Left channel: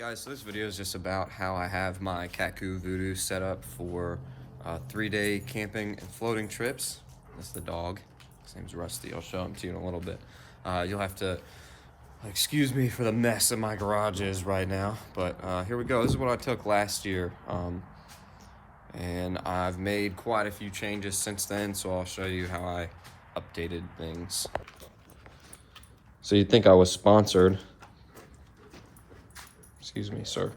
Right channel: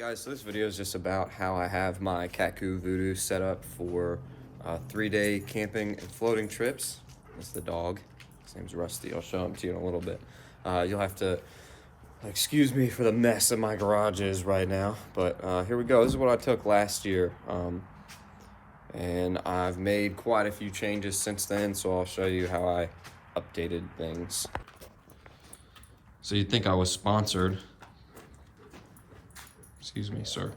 Guys, so this video is just about how I have my Kaku Voodoo set up for 3-day camping and floating trips. That's the dog. His name's Rusty. I'll show him to you in a little bit. You'll have to excuse me for the mess that my garage is right now, but here we go. This is what I took last year, and I've made quite a few changes since then, so I'll show you how I updated things. So you'd think I was sponsored, excuse me, sir,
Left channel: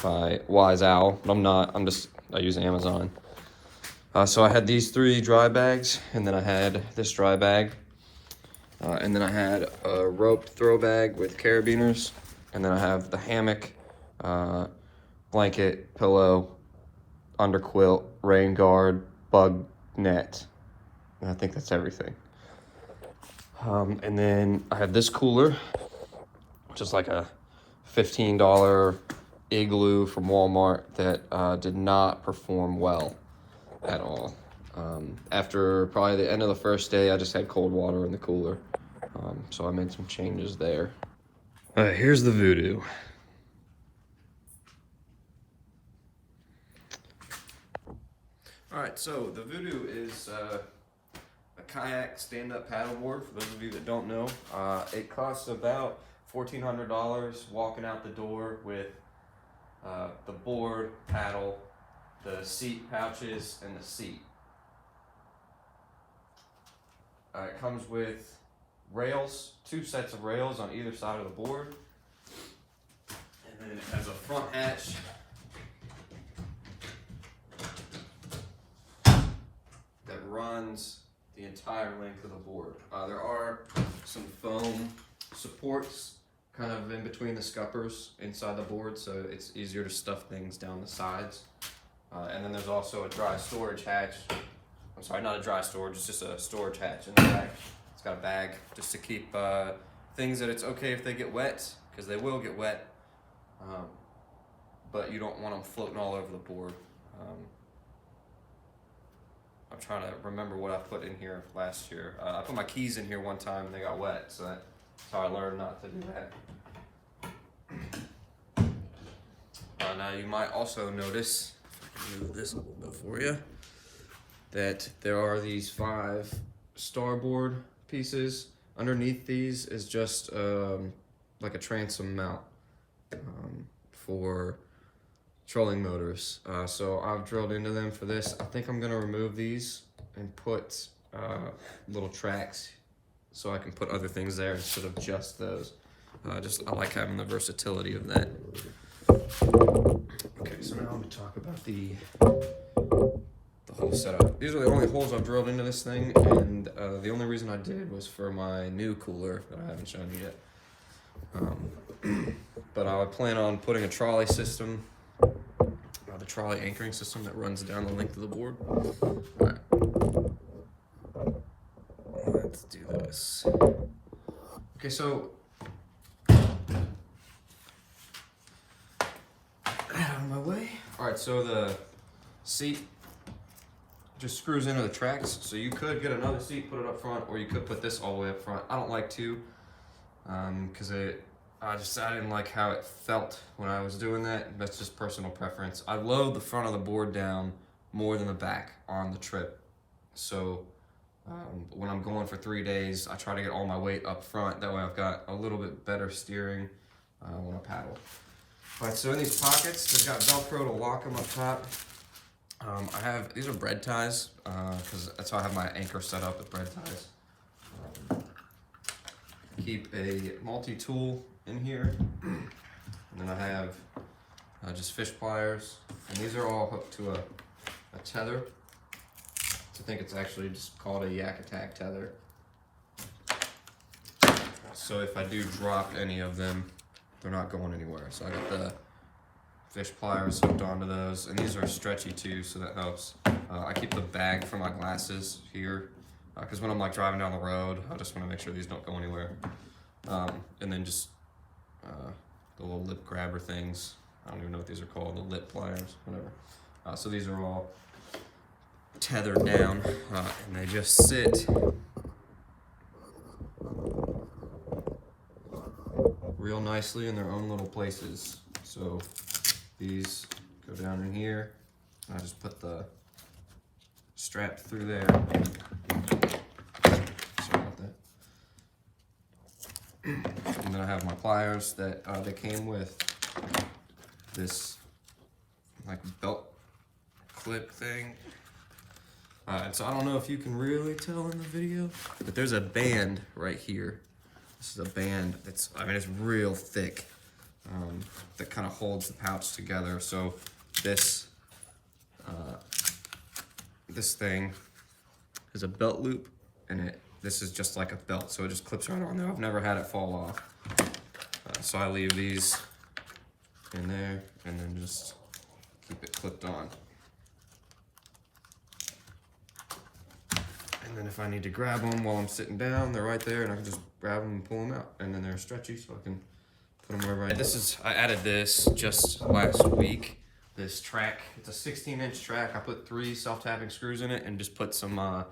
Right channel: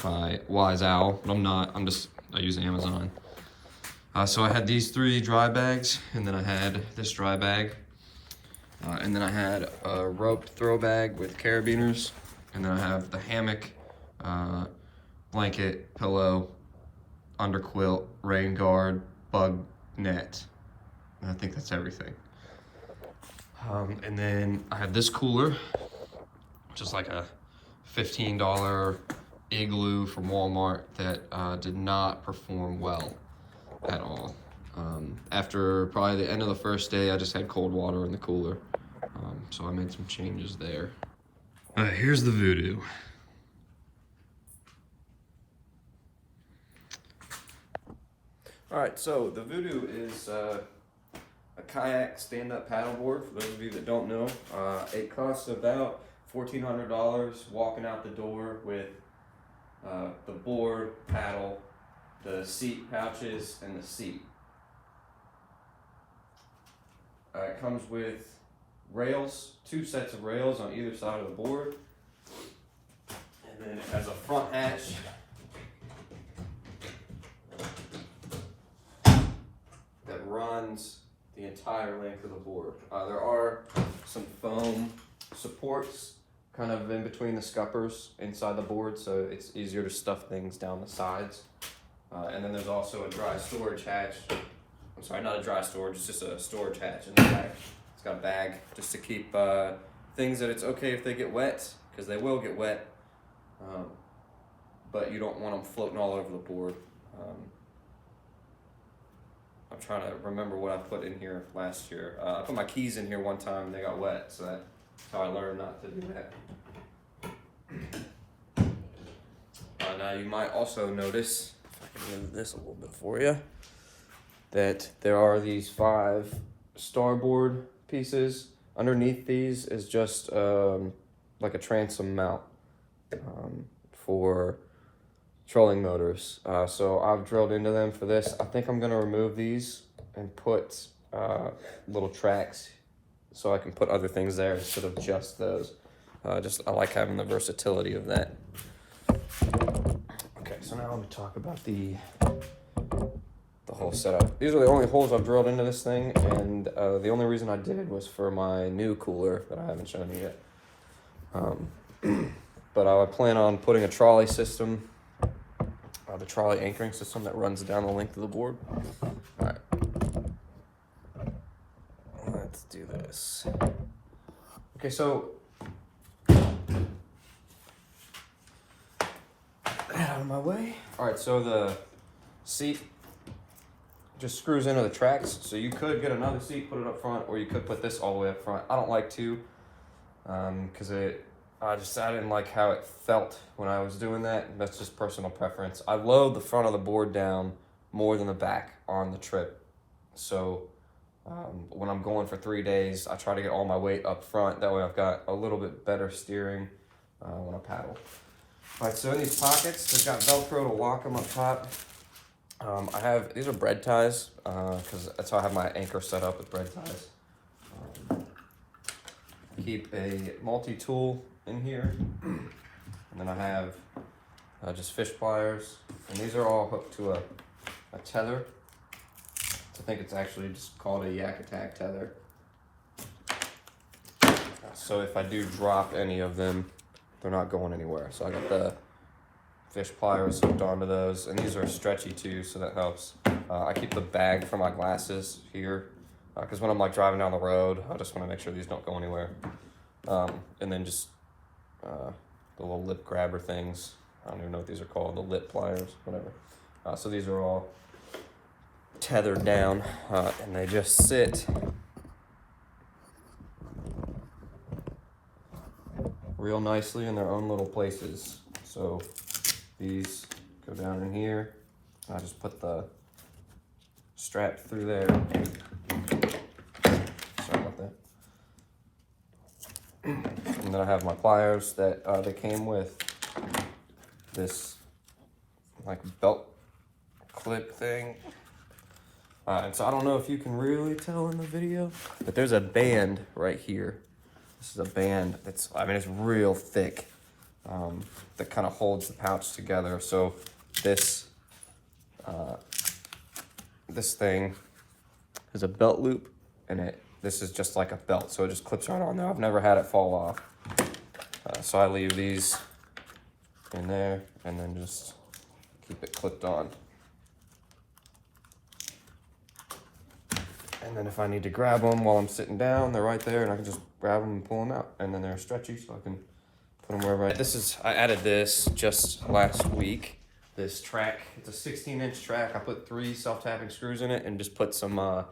by Wise Owl, but I'm not. I use Amazon. So I had these 3 dry bags, and then I had this dry bag, and then I had a roped throw bag with carabiners, and then I have the hammock, blanket, pillow, under quilt, rain guard, bug net, and I think that's everything. And then I have this cooler, which is like a $15 igloo from Walmart that did not perform well at all. After probably the end of the first day, I just had cold water in the cooler. So I made some changes there. Here's the Voodoo. All right, so the Voodoo is a kayak stand-up paddleboard. For those of you that don't know, it costs about $1,400 walking out the door with the board, paddle, the seat pouches, and the seat. It comes with rails, 2 sets of rails on either side of the board, and then it has a front hatch that runs the entire length of the board. There are some foam supports kind of in between the scuppers inside the board, so it's easier to stuff things down the sides. And then there's also a dry storage hatch. I'm sorry, not a dry storage, it's just a storage hatch in the back. It's got a bag just to keep things that it's okay if they get wet, because they will get wet, but you don't want them floating all over the board. I'm trying to remember what I put in here last year. I put my keys in here one time and they got wet, so that's how I learned not to do that. Now you might also notice, if I can move this a little bit for you, that there are these 5 starboard pieces. Underneath these is just like a transom mount for trolling motors. So I've drilled into them for this. I think I'm gonna remove these and put little tracks so I can put other things there instead of just those. I like having the versatility of that. Okay, so now let me talk about the whole setup. These are the only holes I've drilled into this thing, and the only reason I did was for my new cooler that I haven't shown you yet. But I would plan on putting a trolley system, the trolley anchoring system that runs down the length of the board. All right, let's do this. Okay, so out of my way. All right, so the seat just screws into the tracks. So you could get another seat, put it up front, or you could put this all the way up front. I don't like to, because I didn't like how it felt when I was doing that. That's just personal preference. I load the front of the board down more than the back on the trip. So when I'm going for 3 days, I try to get all my weight up front. That way I've got a little bit better steering when I paddle. All right, so in these pockets, they've got Velcro to lock them up top. These are bread ties, because that's how I have my anchor set up with bread ties. Keep a multi-tool in here, and then I have just fish pliers, and these are all hooked to a tether. I think it's actually just called a yak attack tether. So if I do drop any of them, they're not going anywhere. So I got the fish pliers hooked onto those, and these are stretchy too, so that helps. I keep the bag for my glasses here, because when I'm like driving down the road, I just want to make sure these don't go anywhere. And then just the little lip grabber things. I don't even know what these are called, the lip pliers, whatever. So these are all tethered down, and they just sit real nicely in their own little places. So these go down in here. I just put the strap through there. Sorry about that. And then I have my pliers that they came with this like belt clip thing. And so I don't know if you can really tell in the video, but there's a band right here. This is a band that's, I mean, it's real thick, that kind of holds the pouch together. So this, this thing is a belt loop, and this is just like a belt, so it just clips right on there. I've never had it fall off. So I leave these in there and then just keep it clipped on. And then if I need to grab them while I'm sitting down, they're right there, and I can just grab them and pull them out. And then they're stretchy, so I can put them wherever I added this just last week. This track, it's a 16-inch track. I put 3 self-tapping screws in it and just put some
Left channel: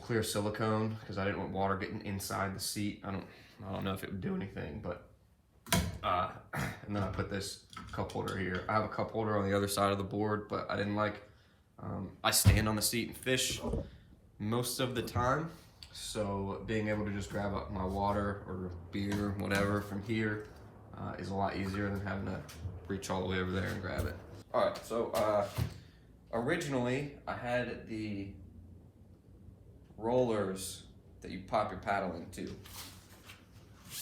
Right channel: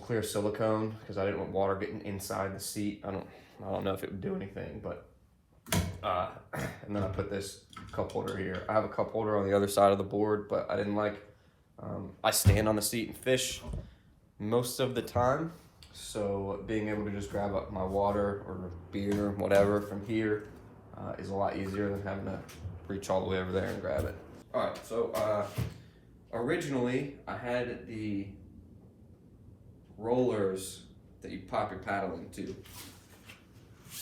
clear silicone because I didn't want water getting inside the seat. I don't know if it would do anything, but and then I put this cup holder here. I have a cup holder on the other side of the board, but I didn't like, I stand on the seat and fish most of the time, so being able to just grab up my water or beer or whatever from here is a lot easier than having to reach all the way over there and grab it. All right, so originally I had the rollers that you pop your paddle into,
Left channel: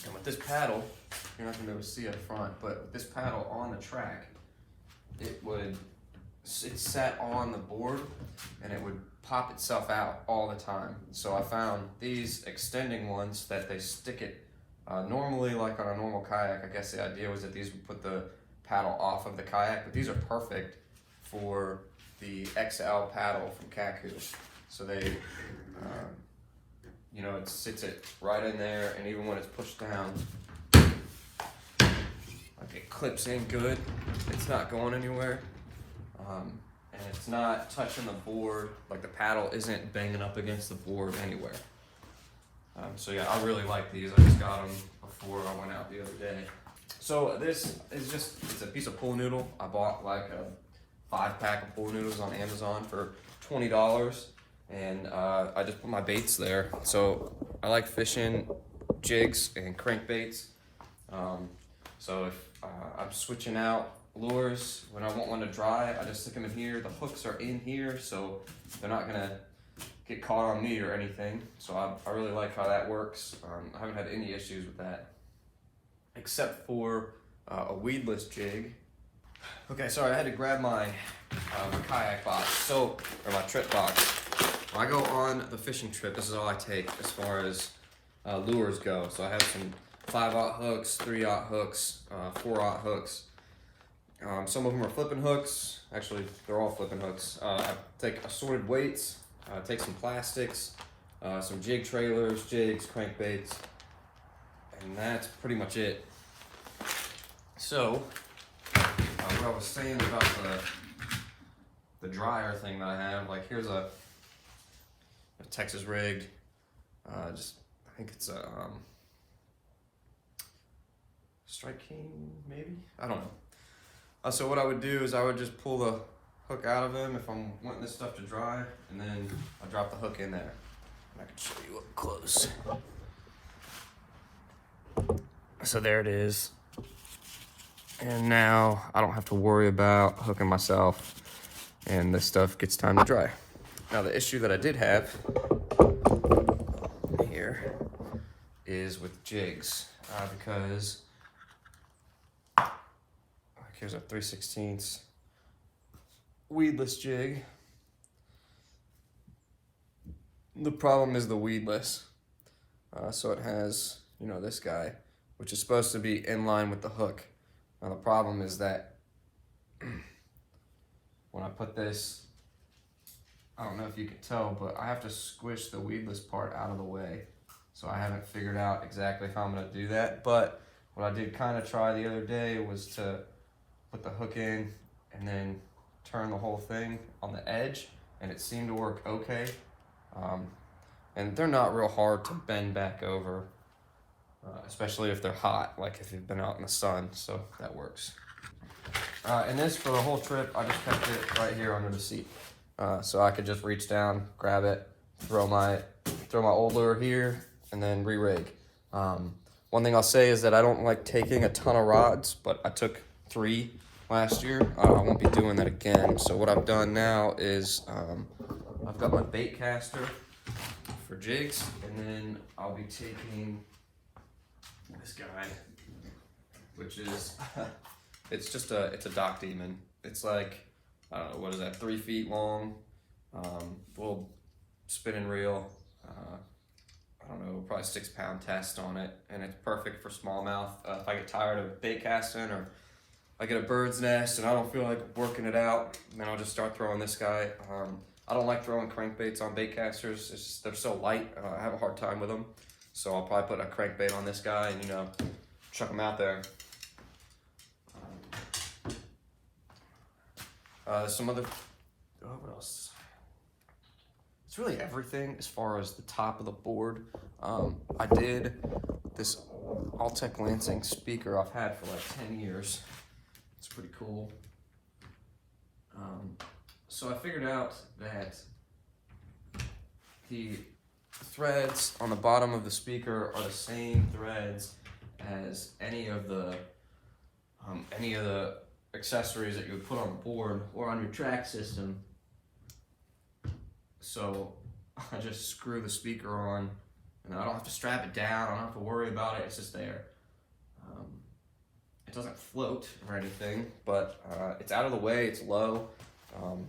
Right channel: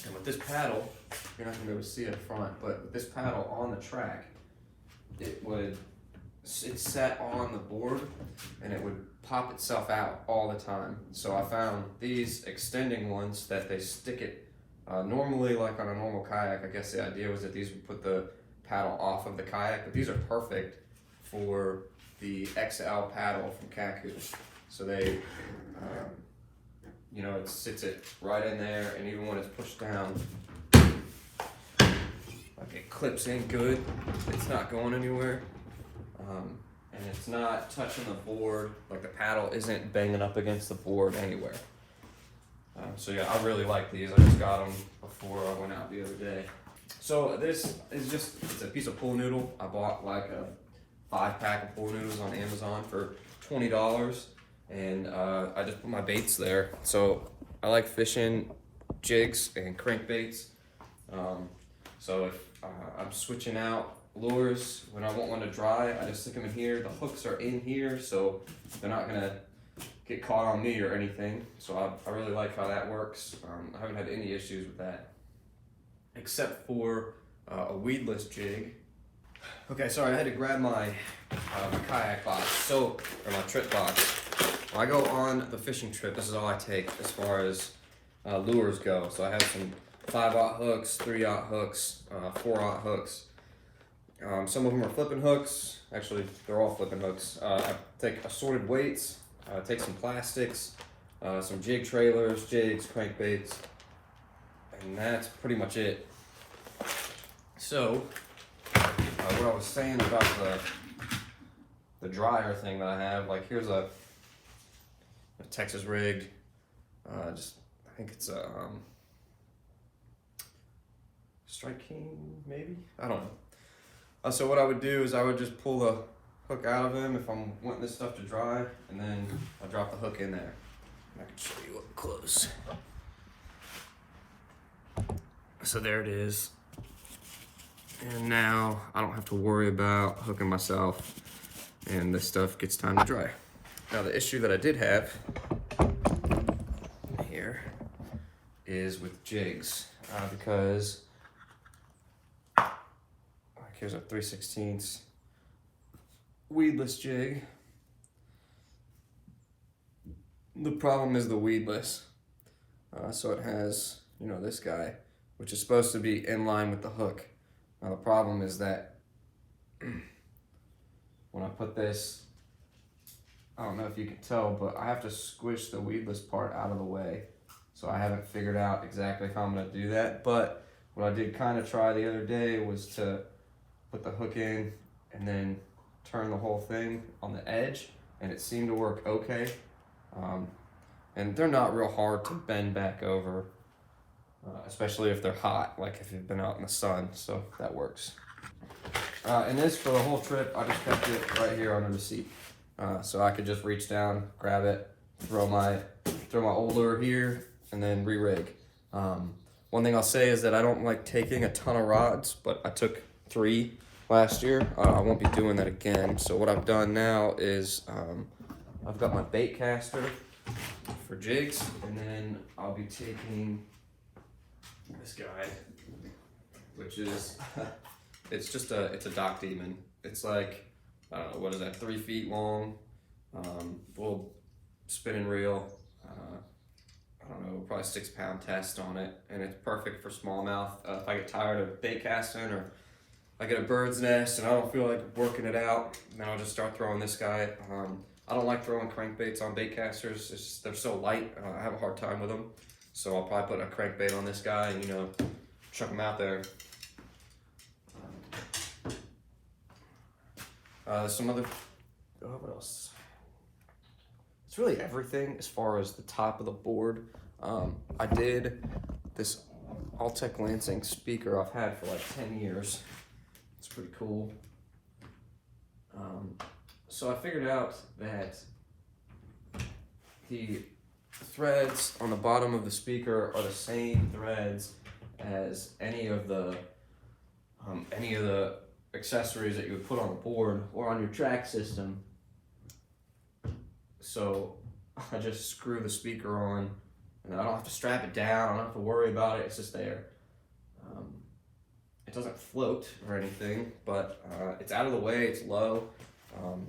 and with this paddle, you're not gonna be able to see it front, but with this paddle on the track, it sat on the board and it would pop itself out all the time. So I found these extending ones that they stick it, normally like on a normal kayak, I guess the idea was that these would put the paddle off of the kayak, but these are perfect for the XL paddle from Kaku. So they, you know, it sits it right in there, and even when it's pushed down, like it clips in good. It's not going anywhere. And it's not touching the board, like the paddle isn't banging up against the board anywhere. So yeah, I really like these. I just got them before I went out the other day. So this is it's a piece of pool noodle. I bought like a 5-pack of pool noodles on Amazon for $20, and I just put my baits there. So I like fishing jigs and crankbaits. So if I'm switching out lures, when I want one to dry, I just stick them in here. The hooks are in here, so they're not gonna get caught on me or anything. So I really like how that works. I haven't had any issues with that, except for a weedless jig. Okay, sorry, I had to grab my kayak box, or my trip box. When I go on the fishing trip, this is all I take as far as lures go. So I have some 5/0 hooks, 3/0 hooks, 4/0 hooks. Some of them are flipping hooks. Actually, they're all flipping hooks. I take assorted weights, take some plastics, some jig trailers, jigs, crankbaits, and that's pretty much it. So, what I was saying about the dryer thing that I have, like here's a Texas rig. I think it's a Strike King, maybe? I don't know. So what I would do is I would just pull the hook out of him if I'm wanting this stuff to dry, and then I drop the hook in there. I can show you up close. So there it is. And now I don't have to worry about hooking myself, and this stuff gets time to dry. Now the issue that I did have here is with jigs, because here's a 3/16 weedless jig. The problem is the weedless. So it has, you know, this guy, which is supposed to be in line with the hook. Now the problem is that when I put this, I don't know if you can tell, but I have to squish the weedless part out of the way. So I haven't figured out exactly how I'm gonna do that. But what I did kind of try the other day was to put the hook in and then turn the whole thing on the edge, and it seemed to work okay. And they're not real hard to bend back over. especially if they're hot, like if you've been out in the sun, so that works. And this, for the whole trip, I just kept it right here under the seat. So I could just reach down, grab it, throw my old lure here, and then re-rig. One thing I'll say is that I don't like taking a ton of rods, but I took 3 last year. I won't be doing that again. So what I've done now is I've got my bait caster for jigs, and then I'll be taking this guy, which is it's a dock demon. It's like what is that, 3 feet long, little spinning reel. I don't know, probably 6-pound test on it, and it's perfect for smallmouth. If I get tired of bait casting, or I get a bird's nest and I don't feel like working it out, then I'll just start throwing this guy. I don't like throwing crankbaits on bait casters. It's just, they're so light. I have a hard time with them. So I'll probably put a crankbait on this guy and, you know, chuck them out there. Some other, what else? It's really everything as far as the top of the board. I did this Altec Lansing speaker I've had for like 10 years. It's pretty cool. So I figured out that the threads on the bottom of the speaker are the same threads as any of the accessories that you would put on the board or on your track system. So I just screw the speaker on, and I don't have to strap it down. I don't have to worry about it. It's just there. It doesn't float or anything, but it's out of the way. It's low.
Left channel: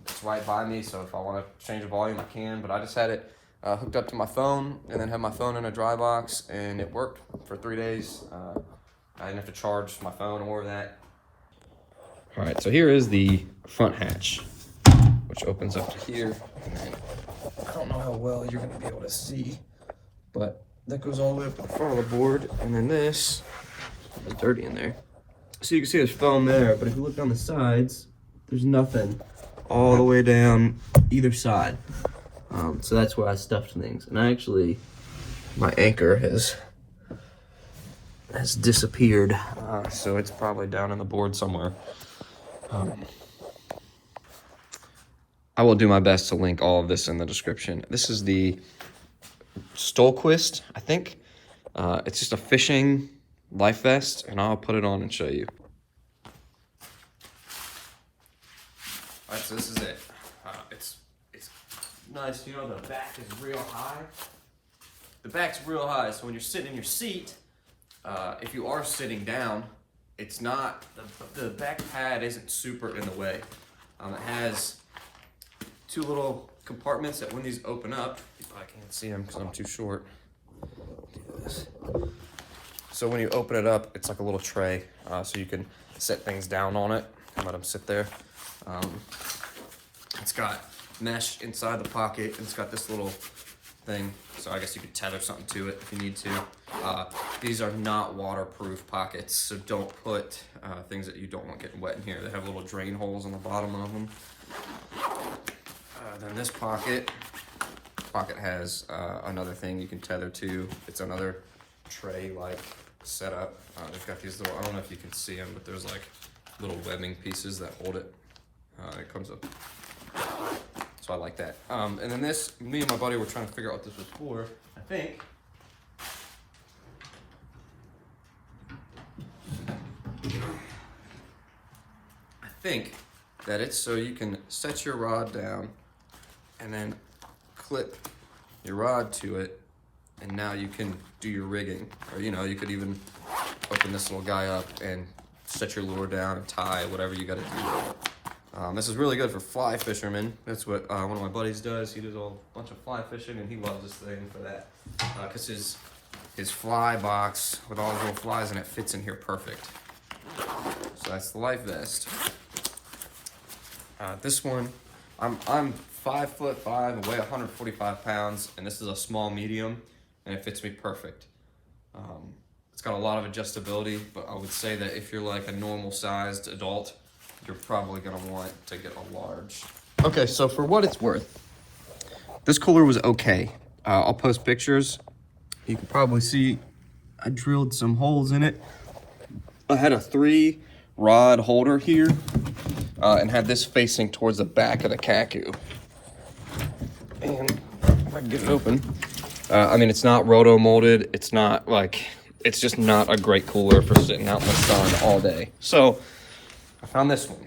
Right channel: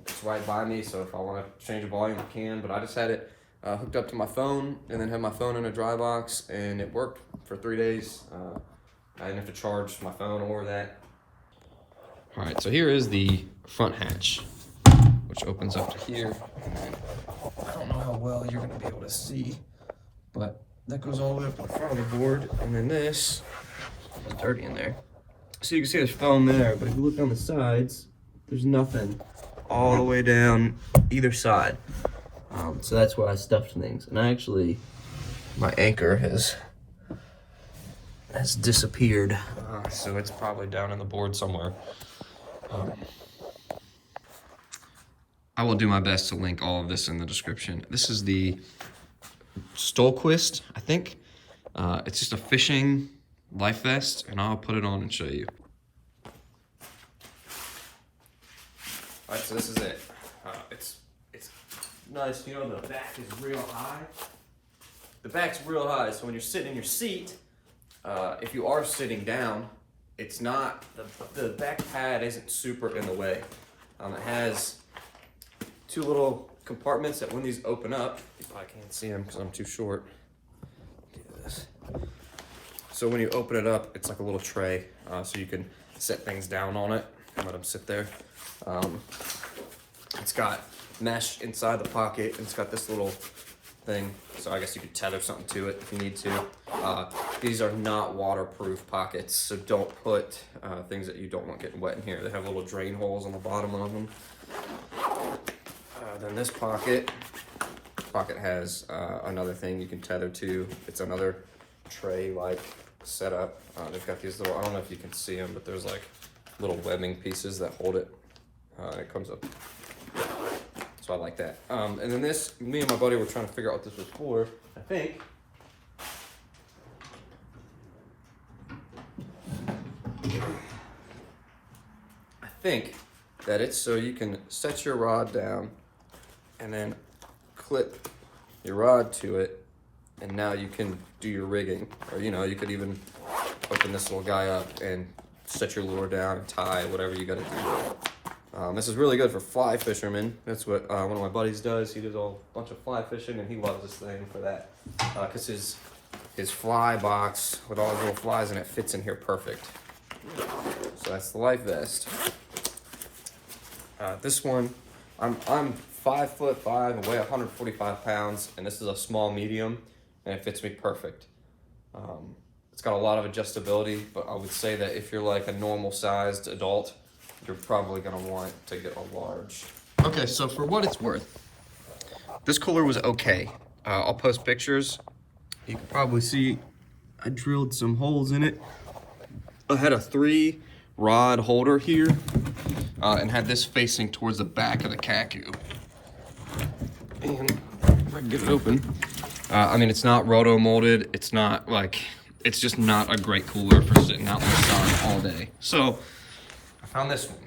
It's right by me, so if I want to change the volume, I can. But I just had it hooked up to my phone, and then had my phone in a dry box, and it worked for 3 days. I didn't have to charge my phone or that. All right, so here is the front hatch, which opens up to here. I don't know how well you're gonna be able to see, but that goes all the way up to the front of the board, and then this is dirty in there. So you can see there's foam there, but if you look on the sides, there's nothing all the way down either side. So that's where I stuffed things. And my anchor has disappeared. So it's probably down in the board somewhere. I will do my best to link all of this in the description. This is the Stolquist, I think. It's just a fishing life vest, and I'll put it on and show you. All right, so this is it. It's nice, you know, the back is real high. The back's real high, so when you're sitting in your seat, if you are sitting down, it's not, the back pad isn't super in the way. It has 2 little compartments that when these open up, I can't see them because I'm too short. So when you open it up, it's like a little tray, so you can set things down on it and let them sit there. It's got mesh inside the pocket, and it's got this little thing, so I guess you could tether something to it if you need to. These are not waterproof pockets, so don't put things that you don't want getting wet in here. They have little drain holes on the bottom of them. Then this pocket has another thing you can tether to. It's another tray-like setup. They've got these little, I don't know if you can see them, but there's like little webbing pieces that hold it. It comes up. So I like that. And then this, me and my buddy were trying to figure out what this was for. I think that it's so you can set your rod down and then clip your rod to it, and now you can do your rigging. Or, you know, you could even open this little guy up and set your lure down and tie, whatever you gotta do. This is really good for fly fishermen. That's what one of my buddies does. He does a bunch of fly fishing, and he loves this thing for that. Because his fly box with all the little flies in it fits in here perfect. So that's the life vest. This one, I'm 5'5" and weigh 145 pounds, and this is a small medium, and it fits me perfect. It's got a lot of adjustability, but I would say that if you're like a normal sized adult, you're probably gonna want to get a large. Okay, so for what it's worth, this cooler was okay. I'll post pictures. You can probably see I drilled some holes in it. I had a 3-rod holder here and had this facing towards the back of the Kaku. And if I can get it open. I mean, it's not roto molded. It's not like, it's just not a great cooler for sitting out in the sun all day. So I found this one.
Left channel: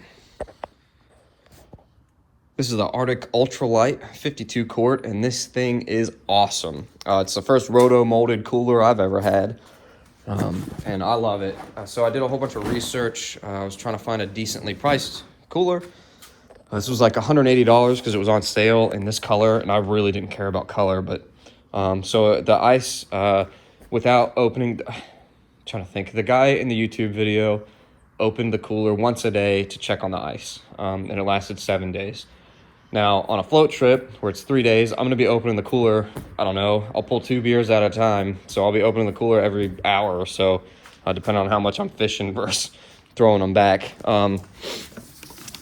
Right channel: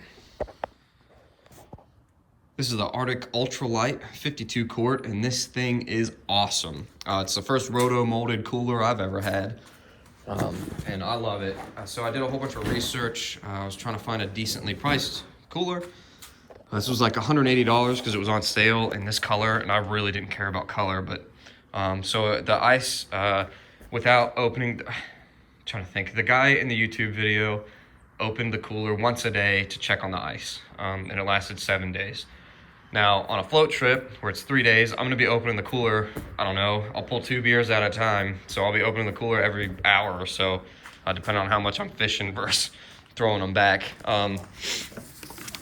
This is the Arctic Ultralight 52 quart, and this thing is awesome. It's the first roto molded cooler I've ever had, and I love it. So I did a whole bunch of research. I was trying to find a decently priced cooler. This was like $180 because it was on sale in this color, and I really didn't care about color. But so the ice, without opening, I'm trying to think. The guy in the YouTube video opened the cooler once a day to check on the ice, and it lasted 7 days. Now, on a float trip where it's 3 days, I'm gonna be opening the cooler, I don't know, I'll pull 2 beers at a time. So I'll be opening the cooler every hour or so, depending on how much I'm fishing versus throwing them back.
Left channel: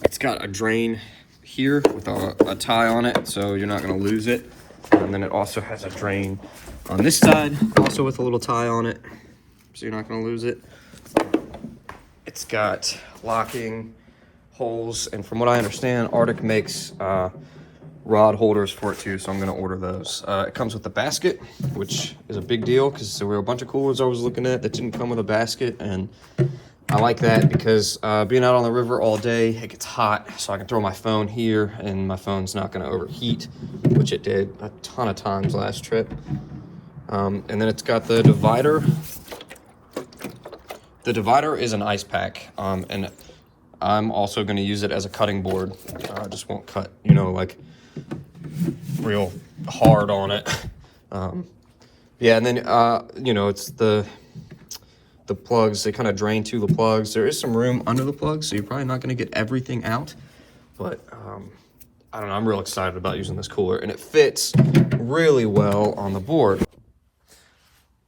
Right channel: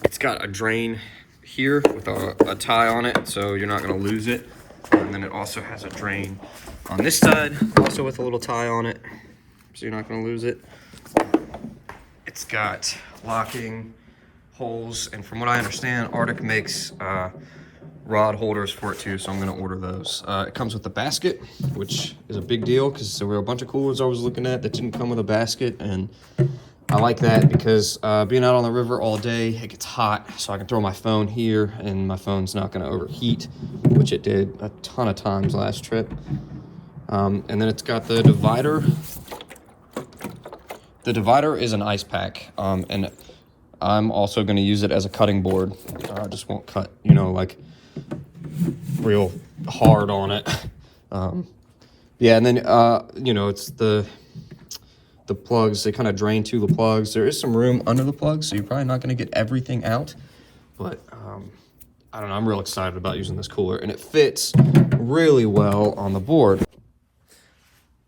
It's got a drain here with a tie on it, so you're not gonna lose it. And then it also has a drain on this side, also with a little tie on it, so you're not gonna lose it. It's got locking holes, and from what I understand, Arctic makes rod holders for it too, so I'm gonna order those. It comes with a basket, which is a big deal because there were a bunch of coolers I was looking at that didn't come with a basket, and I like that because being out on the river all day, it gets hot, so I can throw my phone here and my phone's not gonna overheat, which it did a ton of times last trip. And then it's got the divider. The divider is an ice pack, and I'm also going to use it as a cutting board. I just won't cut, you know, like real hard on it. Yeah, and then, you know, it's the plugs, they kind of drain to the plugs. There is some room under the plugs, so you're probably not going to get everything out. But, I don't know, I'm real excited about using this cooler, and it fits really well on the board.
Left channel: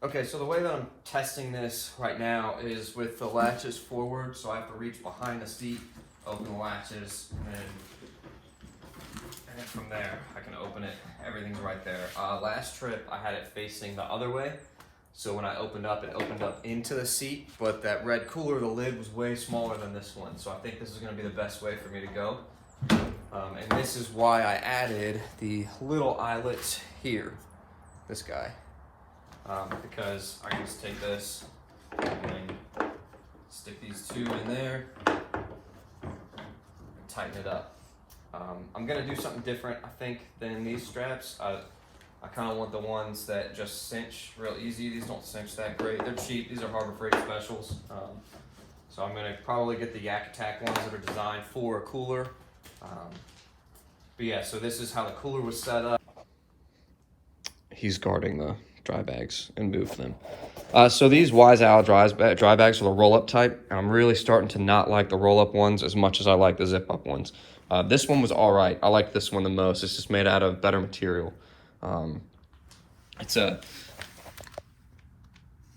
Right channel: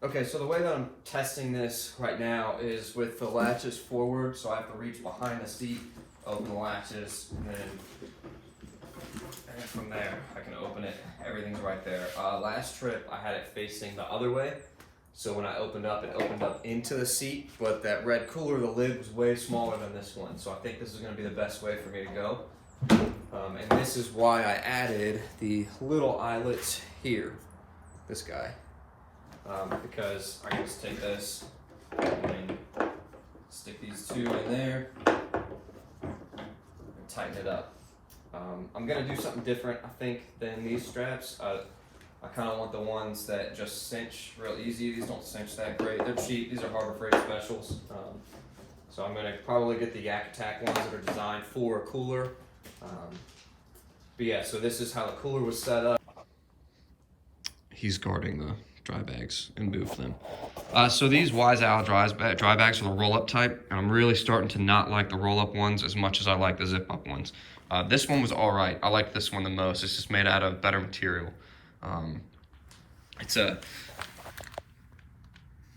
Okay, so the way that I'm testing this right now is with the latches forward, so I have to reach behind the seat, open the latches, and from there I can open it. Everything's right there. Last trip I had it facing the other way, so when I opened up, it opened up into the seat, but that red cooler, the lid was way smaller than this one, so I think this is going to be the best way for me to go. And this is why I added the little eyelets here, this guy. Because I can just take this and stick these two in there and tighten it up. I'm gonna do something different, I think, than these straps. I kind of want the ones that just cinch real easy. These don't cinch that great. They're cheap. These are Harbor Freight specials. So I'm gonna probably get the Yak Attack ones that are designed for a cooler. But yeah, so this is how the cooler was set up. He's guarding the dry bags and move them. So these Wise Owl dry bags are the roll-up type, and I'm really starting to not like the roll-up ones as much as I like the zip-up ones. This one was all right. I like this one the most. It's just made out of better material. It's a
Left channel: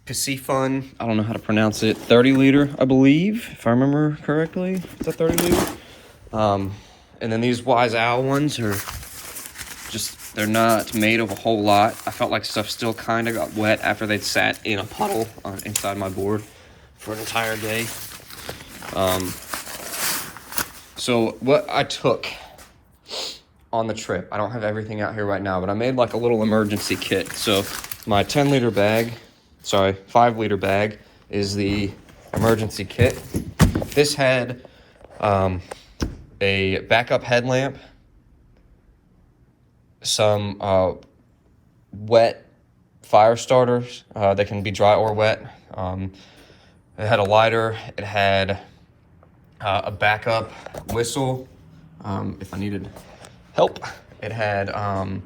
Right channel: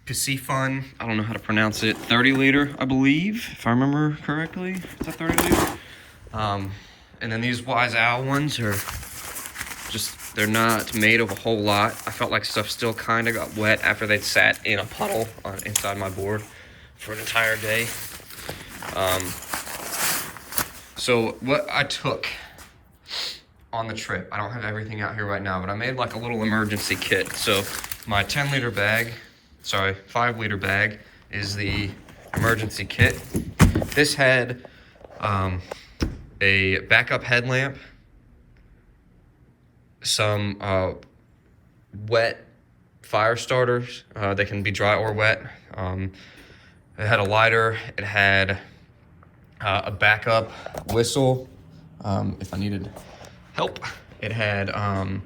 Pasifun, I don't know how to pronounce it, 30 liter, I believe, if I remember correctly. It's a 30 liter. And then these Wise Owl ones are just, they're not made of a whole lot. I felt like stuff still kind of got wet after they'd sat in a puddle inside my board for an entire day. So what I took on the trip, I don't have everything out here right now, but I made like a little emergency kit. So my 10 liter bag, sorry, 5 liter bag is the emergency kit. This had a backup headlamp, some wet fire starters. They can be dry or wet. It had a lighter. It had a backup whistle if I needed help. It had and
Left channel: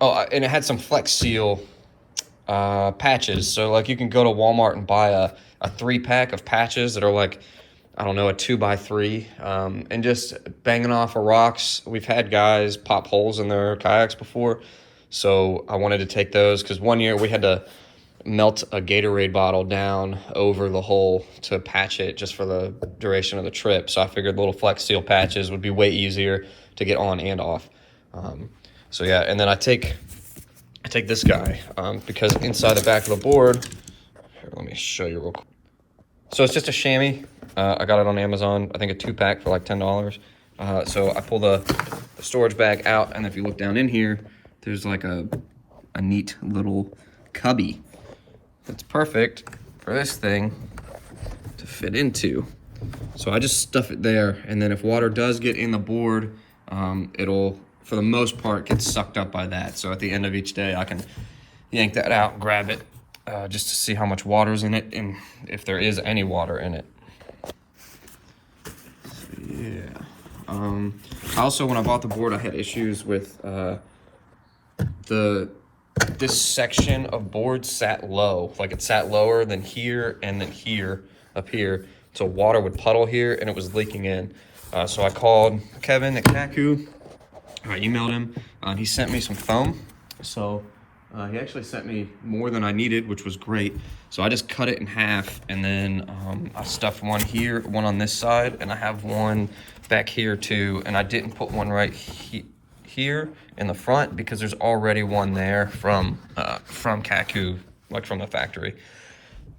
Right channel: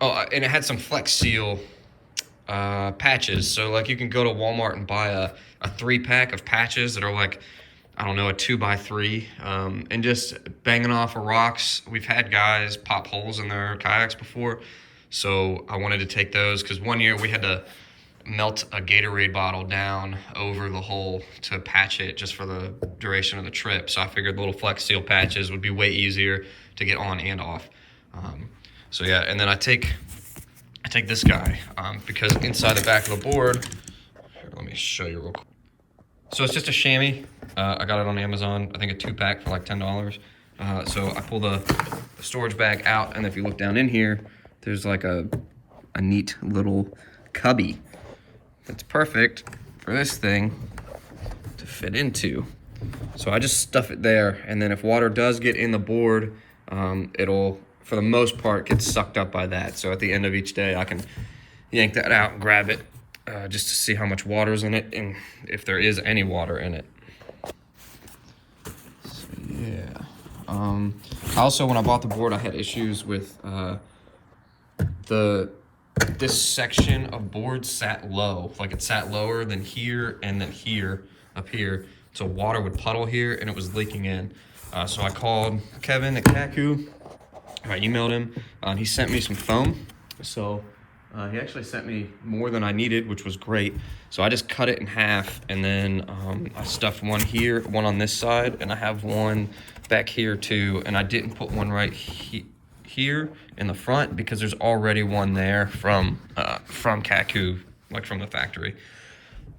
it had some Flex Seal patches. So like you can go to Walmart and buy a 3-pack of patches that are like, I don't know, a 2x3, and just banging off of rocks. We've had guys pop holes in their kayaks before, so I wanted to take those because one year we had to melt a Gatorade bottle down over the hole to patch it just for the duration of the trip. So I figured little Flex Seal patches would be way easier to get on and off. So yeah, and then I take I take this guy because inside the back of the board, here, let me show you real quick. So it's just a chamois. I got it on Amazon. I think a 2-pack for like $10. So I pull the storage bag out, and if you look down in here, there's like a neat little cubby that's perfect for this thing to fit into. So I just stuff it there, and then if water does get in the board, it'll, for the most part, get sucked up by that. So at the end of each day, I can yank that out and grab it just to see how much water's in it and if there is any water in it. So, yeah. Also, when I bought the board, I had issues with this section of board sat low. Like it sat lower than here and then here, up here. So water would puddle here and it was leaking in. So I called Kevin at Kaku. I emailed him. He sent me some foam. So he actually sent me more than I needed, which was great. So I just cut it in half, and then I stuffed one here, one on this side, and I have one back here too. And I didn't put one right here in the front because there's already one there from Kaku, like from the factory.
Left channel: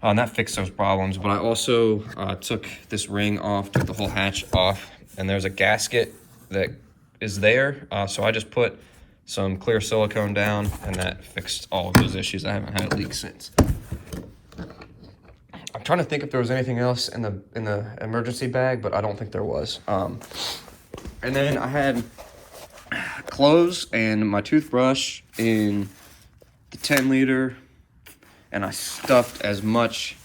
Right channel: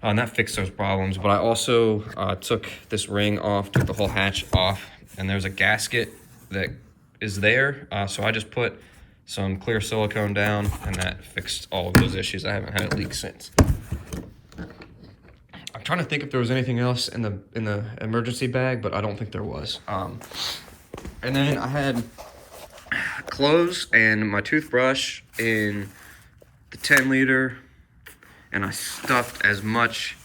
And that fixed those problems. But I also took this ring off, took the whole hatch off, and there's a gasket that is there. So I just put some clear silicone down, and that fixed all of those issues. I haven't had it leak since. I'm trying to think if there was anything else in the emergency bag, but I don't think there was. And then I had clothes and my toothbrush in the 10-liter, and I stuffed as much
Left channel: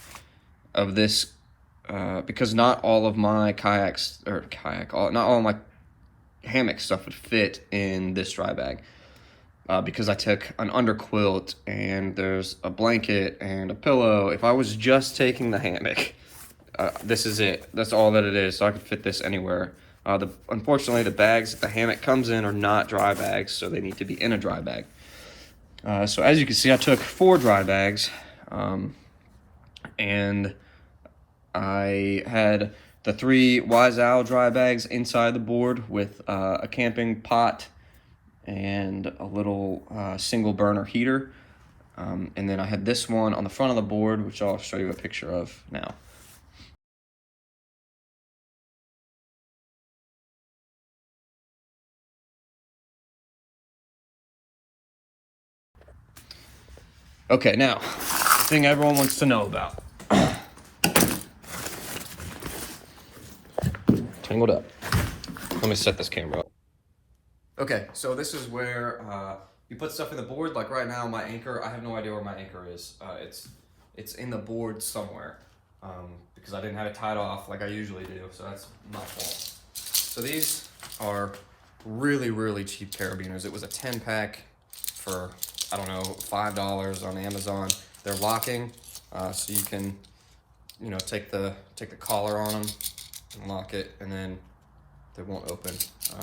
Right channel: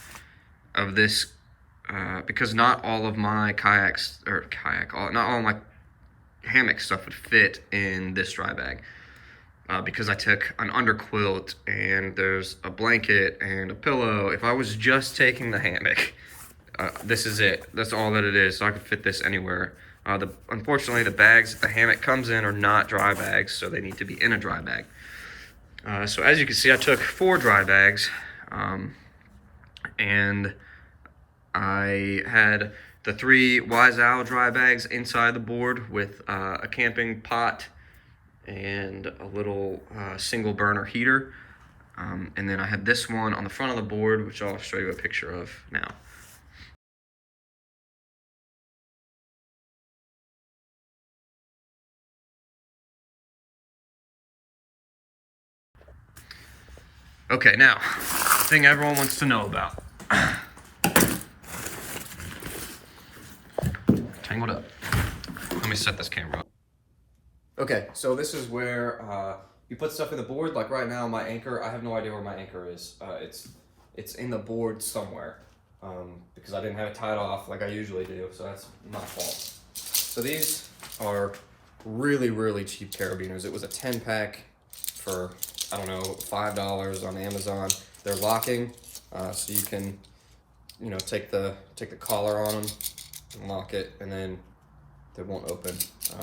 of this because not all of my not all of my hammock stuff would fit in this dry bag. Because I took an underquilt and there's a blanket and a pillow. If I was just taking the hammock, this is it. That's all that it is. So I could fit this anywhere. Unfortunately, the bags that the hammock comes in are not dry bags, so they need to be in a dry bag. So as you can see, I took 4 dry bags, and I had the 3 Wise Owl dry bags inside the board with a camping pot and a little single burner heater. And then I had this one on the front of the board, which I'll show you a picture of now. Okay, now, the thing everyone wants to know about. Tangled up. Let me set this camera up. Okay, so this is where you put stuff in the board. Like right now, my anchor, I have no idea where my anchor is. It's in the board somewhere because I didn't have it tied off like I usually do, so that's my fault. So these are really, really cheap carabiners. It was a 10-pack for, I don't know, $5 on Amazon. They're locking, so you can, take the collar on them and lock it, and then they won't open.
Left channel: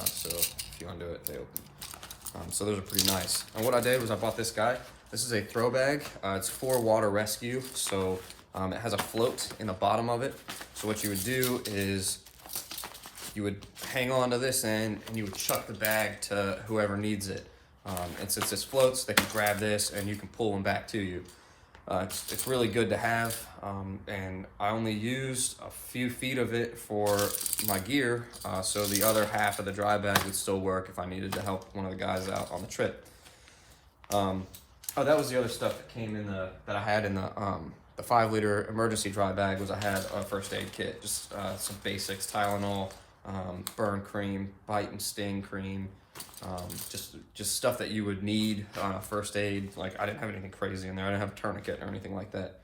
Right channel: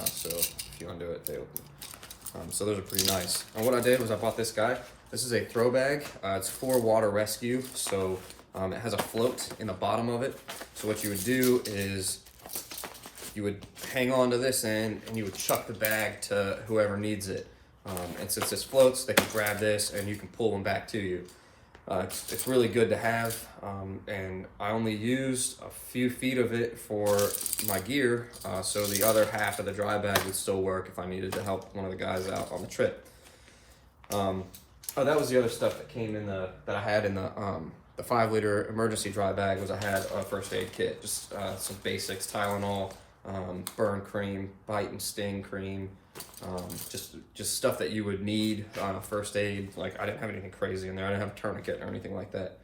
So if you undo it, they open. So those are pretty nice. And what I did was I bought this guy. This is a throw bag. It's for water rescue, so it has a float in the bottom of it. So what you would do is you would hang on to this end and you would chuck the bag to whoever needs it. And since this floats, they can grab this and you can pull them back to you. It's really good to have, and I only used a few feet of it for my gear, so the other half of the dry bag would still work if I needed to help one of the guys out on the trip. Oh, that was the other stuff that came in that I had in the 5-liter emergency dry bag. Was I had a first aid kit, just some basics: Tylenol, burn cream, bite and sting cream. Just stuff that you would need first aid. Like I didn't have anything crazy in there. I didn't have a tourniquet or anything like that.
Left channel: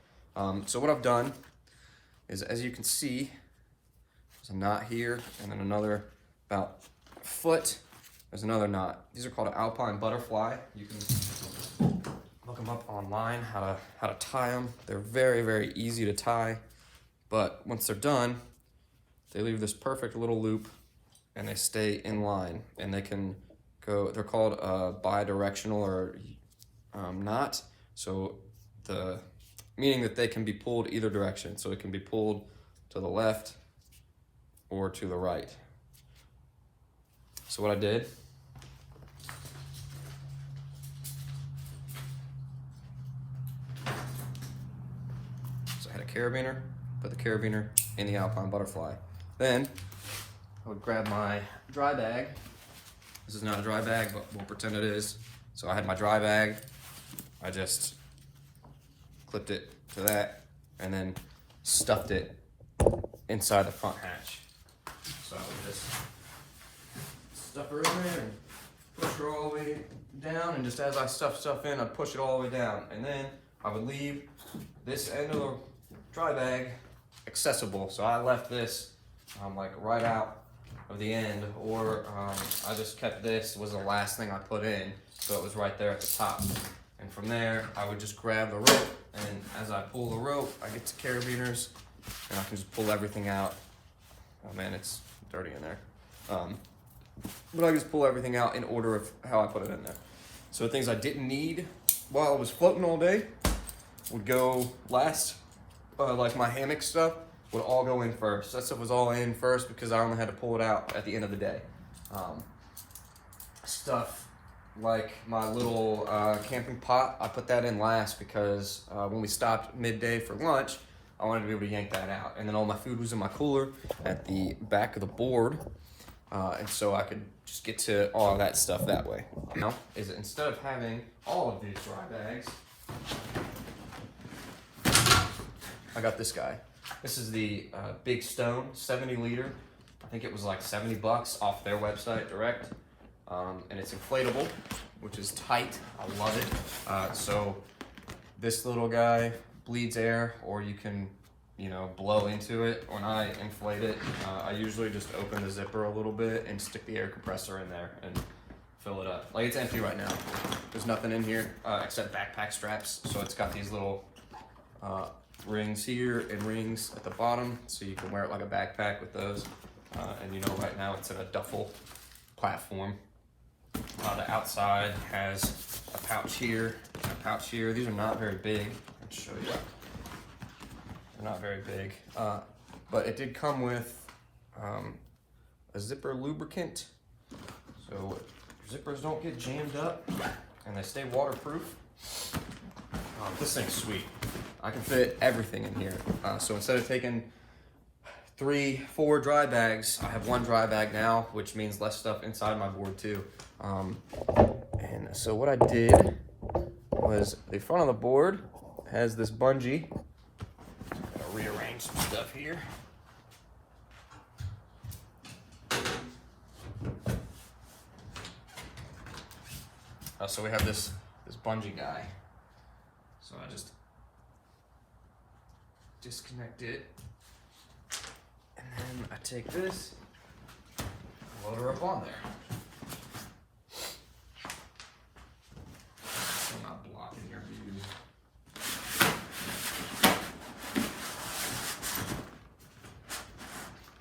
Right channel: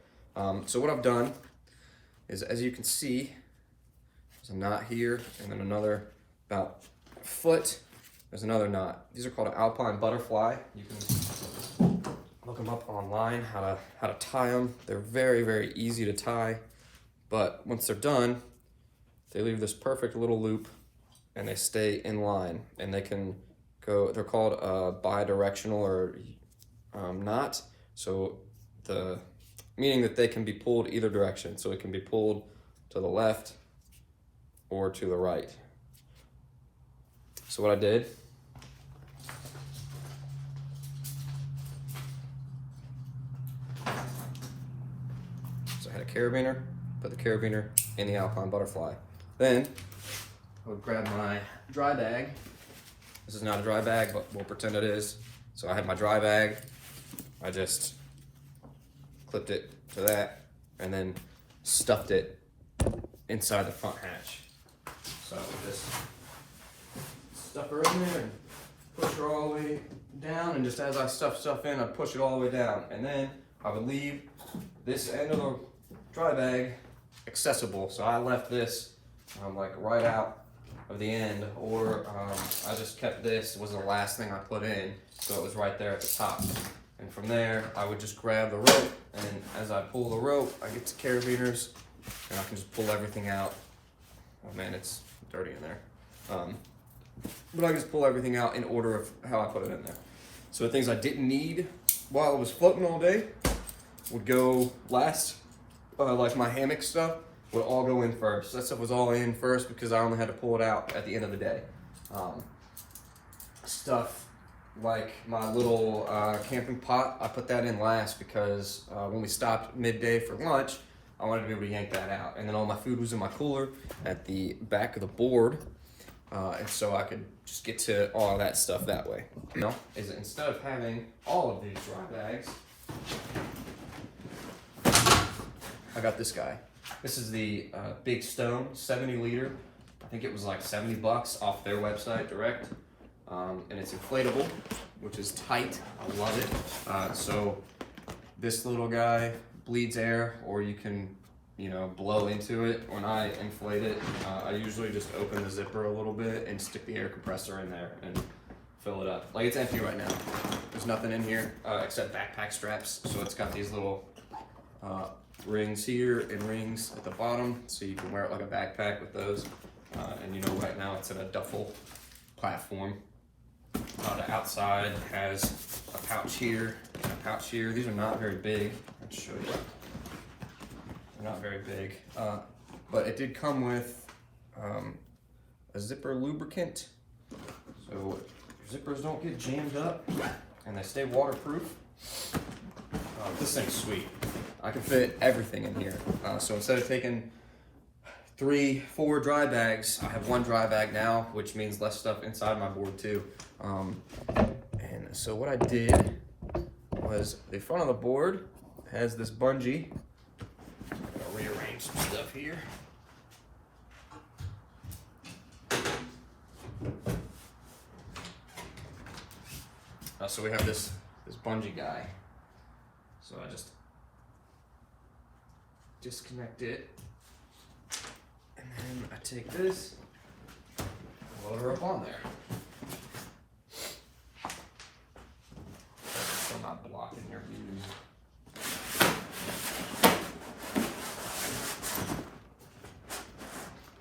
So what I've done is, as you can see, there's a knot here, and then another about a foot. There's another knot. These are called an Alpine Butterfly. You can look them up online how to tie them. They're very, very easy to tie, but once they're done, they leave this perfect little loop, and they stay in line, and they can go. They're called bi-directional or knot. So meaning that they can be pulled either direction. So it can be pulled to the left or to the right. So what I did carabiner, put the carabiner in the Alpine Butterfly. Then I would grab my dry bag. This is not a dry bag, but we'll pretend it is. So I had my dry bag. I just clipped it to that and then stuffed it inside the front hatch. So I would just stuff her in there and push her all the way down, and just as I stuff stuff in, I'd push it all the way down. And then I would leave this end of the dry bag accessible. So I left this like right out of the end, or I just kept this, was the last thing I put in, so it was right there at the top. And from there, I would just grab the rope, and as I pull the rope, I get to carabiners, and I can just pull everything out. Oh man, it's dirty in there. But I just pull everything out in order of how I put it in there. So the things I didn't need while I was floating all day would go last. Like my hammock stuff would all go in first. That stuff was all in first because I only had to pull it out at the end of the day. Stuff like my little camping pot, I put that in last because when we stopped midday for lunch, I wanted to be able to yank that out. And then all my food was in my cooler at the back of the board. And so I could just get to all of that stuff that way. You know, is that instead of having all of these dry bags, I got this guy. This is the Big Stone 70 liter. I think it was like $70 off their website direct. And it's inflatable, which is tight. I love it. So this little guy bleeds air, or you can, you know, blow into it. When I inflate it, I usually just open the zipper a little bit and stick the air compressor in there and fill it up. Like, it's empty right now. There's nothing in here except backpack straps. So it's got these little rings here and rings at the bottom, so you can wear it like a backpack with those. And you know, right now it's in a duffel platform. The outside has a pouch here and a pouch here. These are not very big. Let's show you. They're not very big, but it did come with a zipper lubricant, so zippers don't get jammed up and they stay waterproof. This thing's sweet. I can fit everything in here. So instead of taking 3-4 dry bags, I have one dry bag now, which means less stuff inside my board too. And so what I did was the front of the board has this bungee. I'll rearrange some stuff here. So we have this bungee guy. So I just disconnect it, and then I take this, load her up on there. So I'm not blocking your view.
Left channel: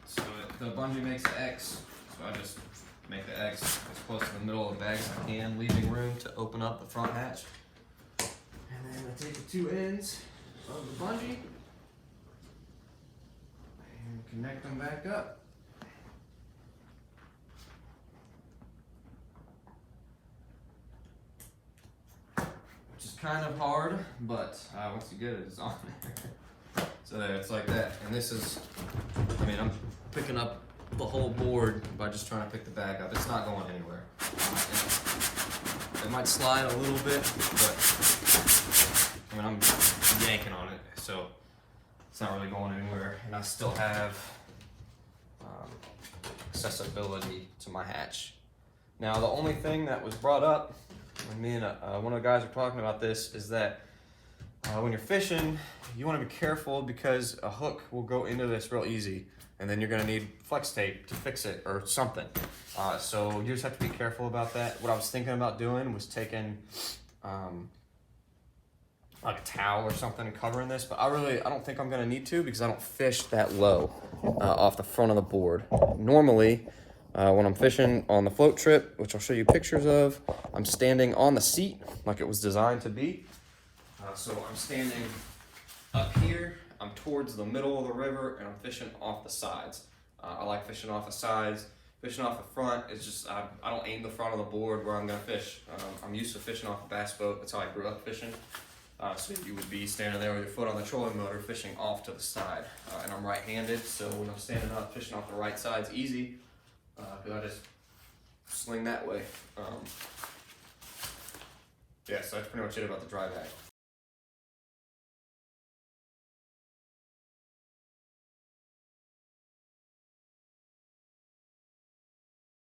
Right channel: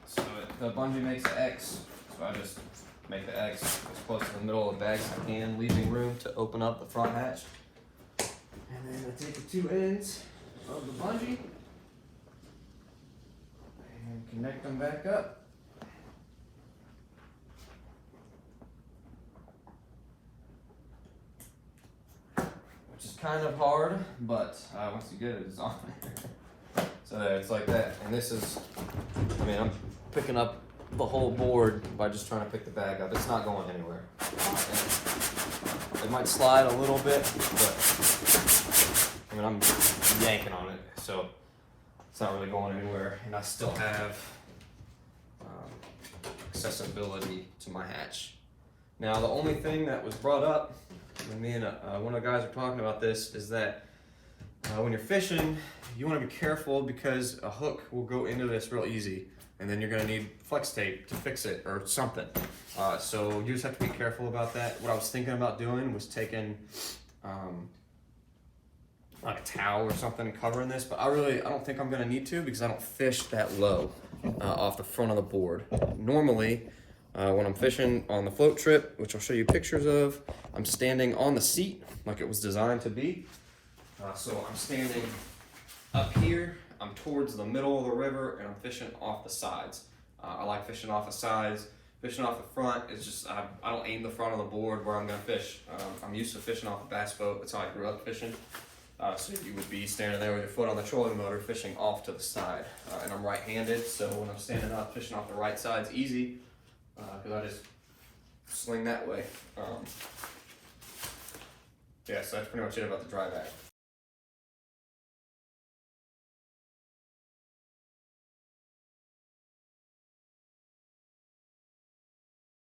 So the bungee makes the X, so I just make the X as close to the middle of the bag as I can, leaving room to open up the front hatch. And then I take the two ends of the bungee and connect them back up. Which is kind of hard, but once you get it, it's on there. So there, it's like that. And this is, I mean, I'm picking up the whole board by just trying to pick the bag up. It's not going anywhere. It might slide a little bit, but I mean, I'm yanking on it, so it's not really going anywhere. And I still have accessibility to my hatch. Now, the only thing that was brought up when me and one of the guys were talking about this is that when you're fishing, you want to be careful because a hook will go into this real easy, and then you're going to need flex tape to fix it or something. So you just have to be careful about that. What I was thinking about doing was taking like a towel or something and covering this, but I don't think I'm going to need to because I don't fish that low off the front of the board. Normally, when I'm fishing on the float trip, which I'll show you pictures of, I'm standing on the seat like it was designed to be. So I'm standing up here, I'm towards the middle of the river, and I'm fishing off the sides. I like fishing off the sides. Fishing off the front is just, I don't aim the front of the board where I'm gonna fish. I'm used to fishing off a bass boat. That's how I grew up fishing. So you would be standing there with your foot on the trolling motor fishing off to the side. And I'm right-handed, so when I'm standing up fishing off the right side, it's easy because I just swing that way. Yeah, so that's pretty much it about the dry bag.